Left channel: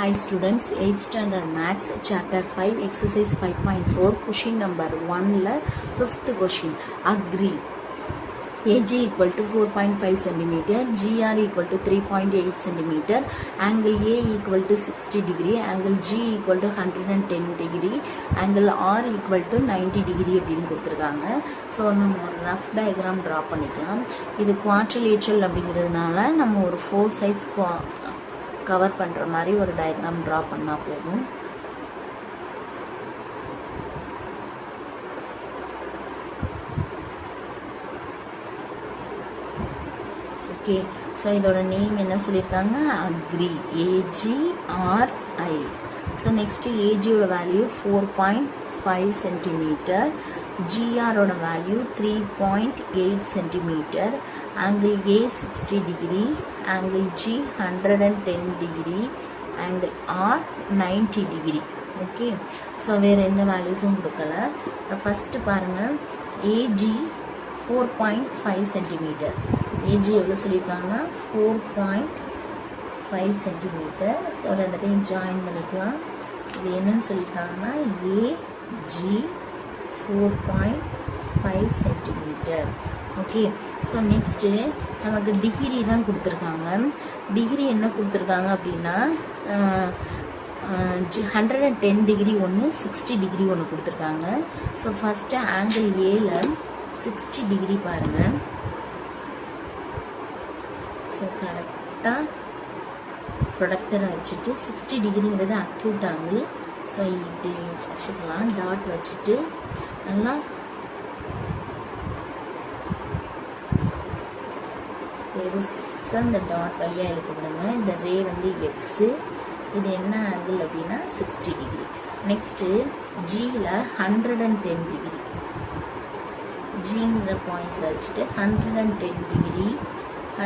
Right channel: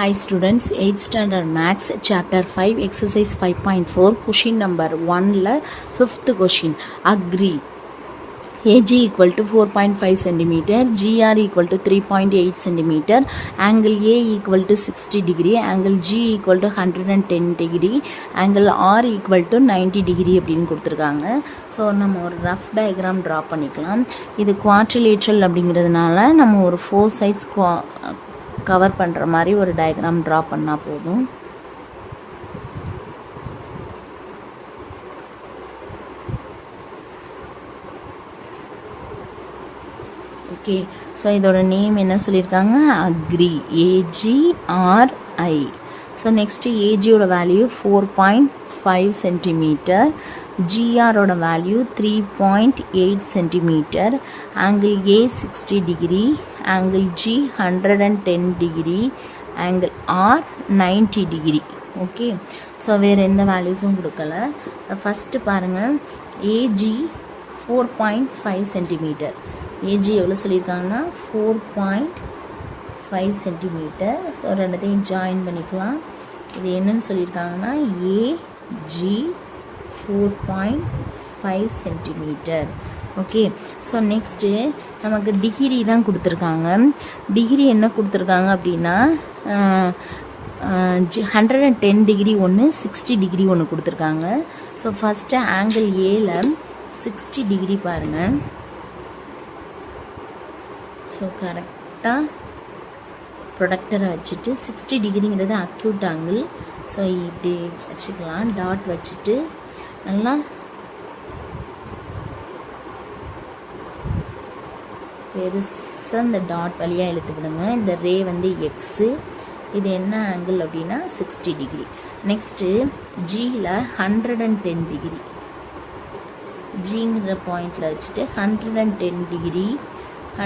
Hi students, 8th standard maths chapter 5 exercise 5.4 question number 1 la 5th question. Agree AG equal to 4.5 cm, GR equal to 3.8 cm, angle A equal to 60 degree, angle G equal to 110 degree, angle R equal to 90 degree அப்படின்னு கொடுத்துருக்காங்க. So நம்ம ஒரு rough diagram draw பண்ணிக்கலாம். இது quadrilateral அப்படிங்கிறதுனால நம்ம ஒரு 4 sides cover பண்ணுற மாதிரி ஒரு டயக்ராம் ட்ரா பண்ணால் போதும். ஓகே, ஸோ இதோட நேம் என்ன சொல்லியிருக்காங்க? AGRI, AGRI. ஸோ நெக்ஸ்ட்டு ஏஜியோட வேல்யூ 4.5 சென்டிமீட்டர், ஜிஆரோட value 3.8 centimetre, angle A 60 degree, angle G 110 degree, angle R 90 degree. Okay, so வேறு எந்த வேல்யூஸும் கொடுக்கல. ஃபஸ்ட்டு பாருங்கள், ஏஜி 4.5 சென்டிமீட்டர். ஏஜி எவ்வளோ சொல்லியிருக்காங்கன்னா 4.5 சென்டிமீட்டர். ஸோ ரெண்டுத்தையும் ஜாயின் பண்ணிக்கலாம். இது என்னன்னு சொல்லியிருக்காங்கன்னா A G 4.5 centimetre. Okay, so next நமக்கு டிகிரி தான் கொடுத்துருக்காங்க. டிகிரி என்ன கொடுத்துருக்காங்க அப்படின்னா 110 டிகிரி ஒன்று, 60 டிகிரி ஒன்று கொடுத்துருக்காங்க. ஸோ ஃபஸ்ட்டு ஆங்கிள் ஏல 60 டிகிரி பாருங்கள். ஸோ கரெக்டாக ப்ரொடக்டரை வச்சுட்டு 60 டிகிரிங்கிறது அக்யூட் ஆங்கிள். ஸோ இப்படி வச்சுக்கலாம், டாட் வச்சுட்டு நல்லா பெருசாக இந்த டாட் வழியாக இழுத்து விடுங்க. இந்த ரே வந்து எக்ஸு, இது என்ன ஆங்கிள் அப்படின்னா 60 டிகிரி. நெக்ஸ்ட்டு ஜியில் 110 டிகிரி, ஜிங்கிற பாயிண்டில் வச்சுட்டு 110 டிகிரி.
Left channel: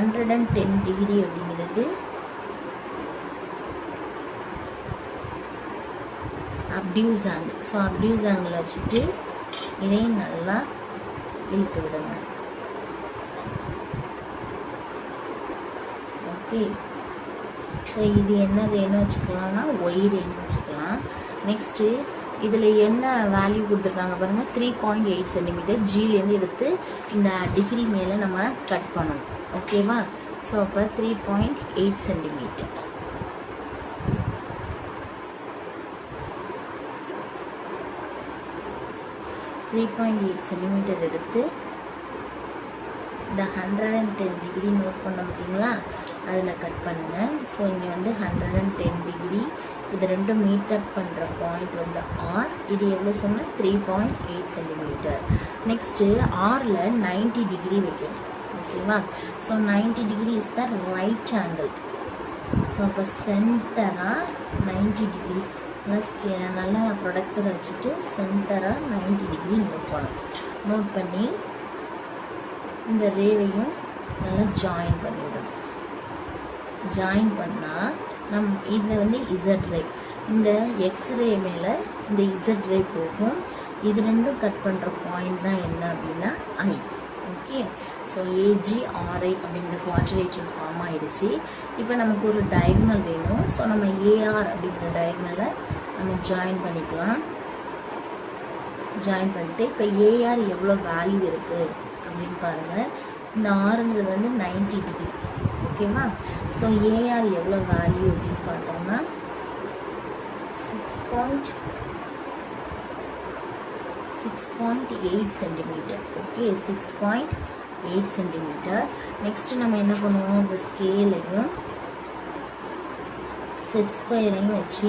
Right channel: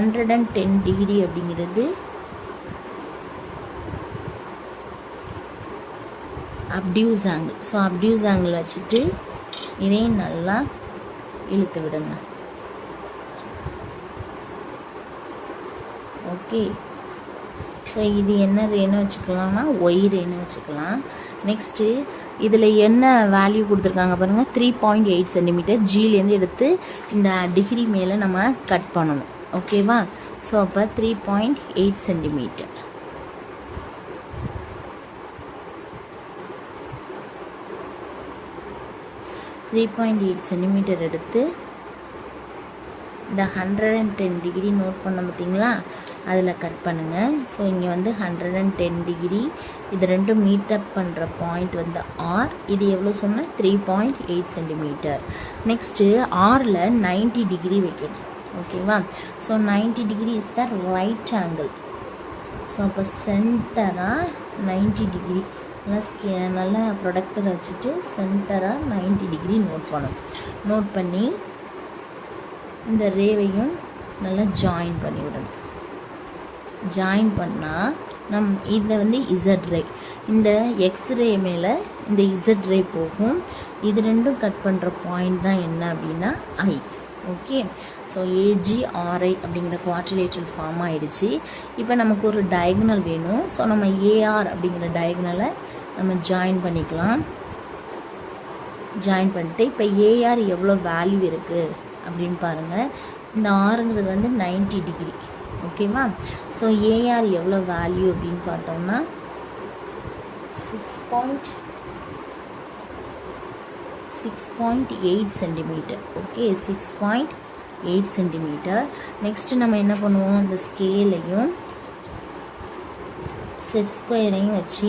110 டிகிரி அப்படிங்கிறது obtuse angle. So obtuse angle வச்சுட்டு இதையும் நல்லா இழுத்து விடுங்க. ஓகே, ஸோ இது என்ன ரேன்னு வச்சுக்கலாம்னா ஒய் ரேன்னு வச்சுக்கலாம். நெக்ஸ்ட்டு இதில் என்ன வேல்யூ கொடுத்துருக்காங்க பாருங்கள், 3.8 சென்டிமீட்டர். ஜிலேருந்து எடுத்து இந்த டிகிரி மேலே நம்ம கட் பண்ணணும். ஓகேவா? ஸோ அப்போ 3.8 சென்டிமீட்டர். எடுத்து இந்த 110 டிகிரி நோட் பண்ண பார்த்தீங்களா, அதில் கட் பண்ணுங்கள். ஸோ இங்கே வந்து 110 டிகிரி, இது ரெண்டும் மீட்டப் பண்ணுற பாயிண்ட் வந்து ஆர். இது எவ்வளோ சொன்னால் 3.8 சென்டிமீட்டர். நெக்ஸ்ட்டு ஆரில் 90 டிகிரி வைக்கணும். ஓகேவா? So 90 degree is the right angle. So அப்போ சென்டராக 90 டிகிரி நல்லா ப்ரொடக்டரை வச்சுட்டு சென்டராக 90 டிகிரி நோட் பண்ணணும். நோட் பண்ணி இந்த ரேவையும் நல்லா ஜாயின் பண்ணி விடணும். ஜாயின் பண்ணால் இதை வந்து இசட் ரே, இந்த எக்ஸ் ரே மேலே இந்த இசட் ரே போகும். இது ரெண்டும் கட் பண்ணுற பாயிண்ட் தான் என்ன அப்படின்னா ஐ. ஓகே, ஸோ ஏஜிஆர்ஐ அப்படிங்கிற குவாட்ரிலேட்ரல் ஃபார்ம் ஆகிடுச்சு. இப்போ நமக்கு ஒரு டயக்னல் வேணும். ஸோ நம்ம ஏஆர் அப்படிங்கிற டயக்னலை நம்ம ஜாயின் பண்ணிக்கலாம். ஜாயின் பண்ணிட்டு இப்போ ஏஆர் எவ்வளோ வேல்யூ இருக்குது அப்படின்னு பாருங்கள். இந்த ஆறுங்கிறது வந்து 90 டிகிரி. ஓகேவா? ஸோ ஏஆர் எவ்வளோ வேல்யூ அப்படின்னு பார்த்தோம்னா 6.8 சென்டிமீட்டர். Okay, 6.8 centimetre. நெக்ஸ்ட்டு நம்ம என்ன பண்ணுவோம், இந்த ஸ்கேலையும் செட் ஸ்கொயரையும் வச்சு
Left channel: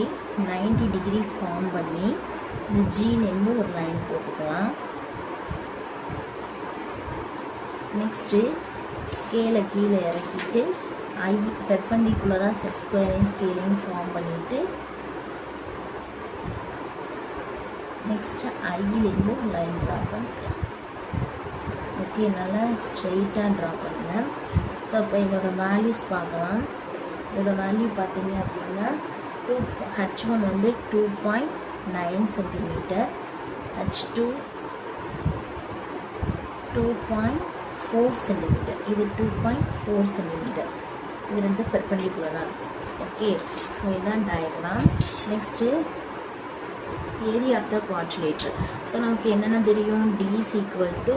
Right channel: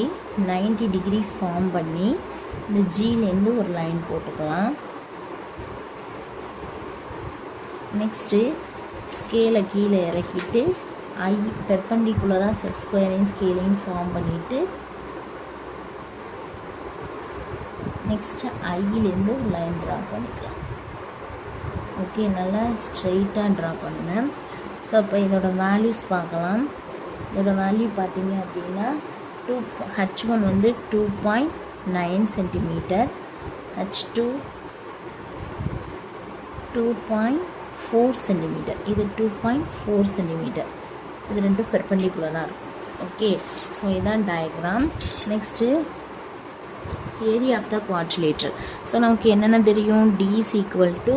90 டிகிரி ஃபார்ம் பண்ணி இந்த ஜிலேருந்து ஒரு லைன் போட்டுக்கலாம். நெக்ஸ்ட்டு ஸ்கேலை கீழே இறக்கிட்டு ஐ பெர்பெண்டிகுலராக செட் ஸ்கொயரையும் ஸ்கேலையும் ஃபார்ம் பண்ணிவிட்டு நெக்ஸ்ட்டு ஐயிலேருந்து ஒரு லைன் ட்ரா பண்ணிக்கிறேன். ஓகே, நல்லா ஸ்ட்ரெயிட்டாக ட்ரா பண்ணுங்கள். ஸோ அப்போ இதோட வேல்யூஸ் பார்க்கலாம். இதோட வேல்யூ பார்த்தீங்க அப்படின்னா H1 வந்து 2.9 சென்டிமீட்டர், H2 2.4 சென்டிமீட்டர், இது 2.4 சென்டிமீட்டர். இது ரெண்டும் பெர்பெண்டிகுலராக இருக்கும். ஓகே, ஸோ இதுதான் diagram. Next area of the quadrilateral. So நமக்கு என்னென்ன தெரியும், d is equal to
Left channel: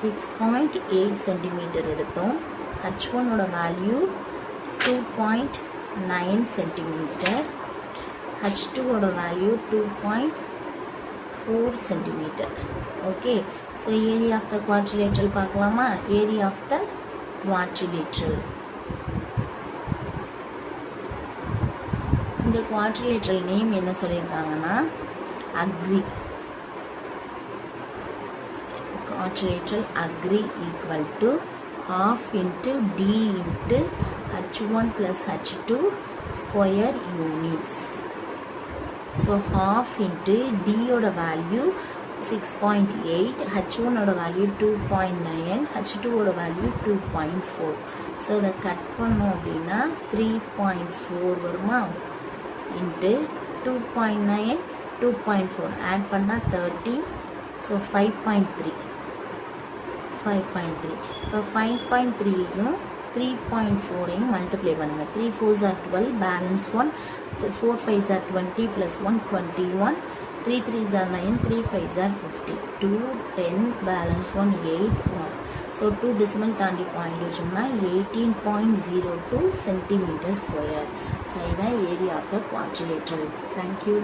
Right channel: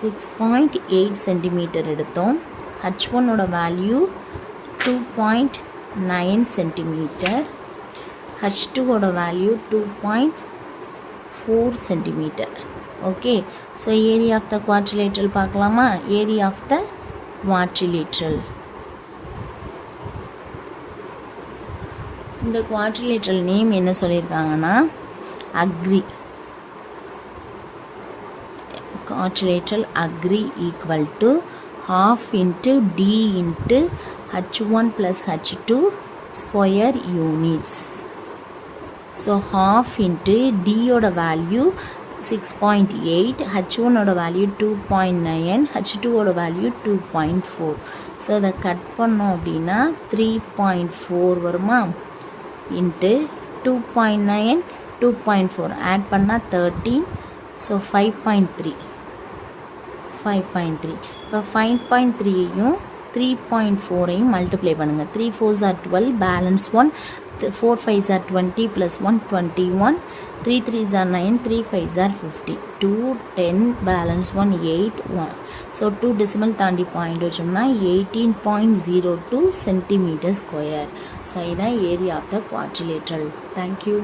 6.8 centimetre எடுத்தோம். h1ஓட வேல்யூ 2.9 சென்டிமீட்டர், h2ஓட value 2.4 centimetre. Okay, so area of the quadrilateral பார்க்கலாமா. ஏரியா ஆஃப் த குவாட்ரிலேட்டரல், இந்த குவாட்ரிலேட்டரல் நேம் என்ன சொல்லியிருக்காங்கன்னா AGRI. quadrilateral agree equal to half into d into h1 plus h2 square units. So half into d oda value 6.8, h1 oda value 2.9, h2 oda value 2.4. So இதை cut பண்ணோம் அப்படின்னா 3.4 வருமா, into 2.9 2.4 add பண்ணால் 13. So 5.3. இப்போ 5.3யும் 3.4ஐயும் multiply பண்ணுங்கள். 3 4s are 12, balance 1, 4 5s are 20 plus 1 21, 3 3s are 9, 3 5s are 50, 2 10, balance 1 8 1. So 2 decimal தாண்டி point வச்சோம்னா 18.02 centimetre square. So இதுதான் area of the quadrilateral. Thank you.